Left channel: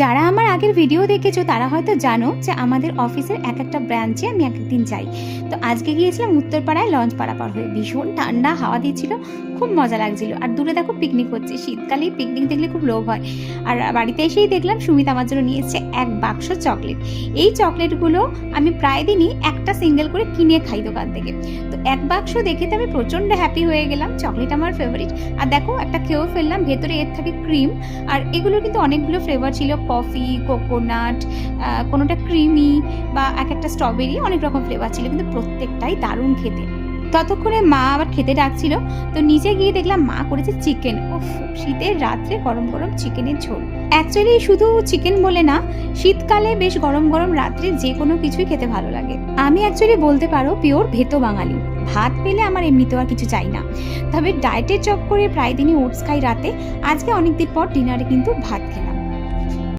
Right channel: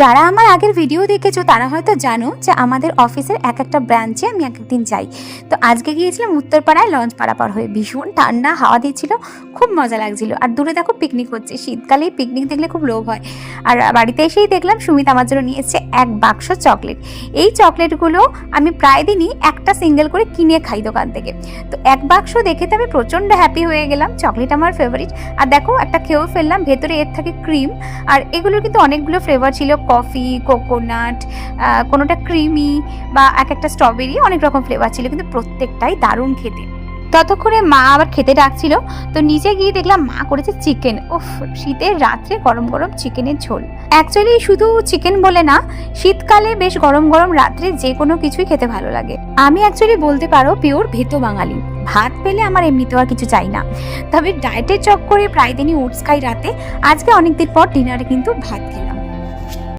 যারা আমার আগের ভিডিও দেখেছো তারা হয়তো জানো যে আমাদের অফিসের এক একটা ব্রাঞ্চে আমি এক একদিন যাই। তো আজকে গিয়েছিলাম উত্তরপাড়ায় লঞ্চ পারাপার হয়ে, ভীষণ ঠান্ডা হাওয়া দিচ্ছিল, খুব মজা লাগছিল। আর দূরে দেখো পিকনিক হচ্ছে, শীতকালেই পিকনিক দেখলে খুব লোভ হয়। আর বাড়িতে এসেই দেখলাম সুমিত আমার জন্য নিয়ে এসেছে এক বাক্স চকলেট। এই চকলেটগুলো আমি প্রায় দিনই একটা সিঙ্গেল করে কিনে খাই দোকান থেকে। তো এক বাক্স দেখে তো আমি প্রচণ্ড হ্যাপি হয়ে গেলাম, চকলেট আমার ফেভারিট। আর দেখো একটা খেয়েও ফেললাম, ভেতরে এর থাকে ক্রিম। আর এগুলোর কিন্তু অনেকগুলো ফ্লেভার ছিল, কফি, কোকোনাট, কোনোটা ক্রিমি বা এক একটা স্ট্রবেরি, অনেক রকম ফ্লেভার ছিল, কিন্তু প্রত্যেকটাই দারুণ খেতে। ততক্ষণে মা আবার খেতে ডাকছিল, তো নিচে গিয়ে দেখলাম মা করেছে চিকেন। উফ, শীতের রাত্রে গরম গরম চিকেনের ঝোল। অ্যাকচুয়ালি শুধু চিকেন বলে না, শীতকালে বেশ গরম গরম রাত্রে যে কোনো কিছুই খেতে ভালো লাগে। আমি অ্যাকচুয়ালি বলতে পারো পিওর ভেতো বাঙালি, ভাত পেলে আমার এমনিতেও আর কিছু চাই না। তবে ডায়েটের চক্করে প্রায় দিনই ওটস খাই রাতে। আজকে অনেকদিন পর ডিনারে কিন্তু ভাত খেলাম।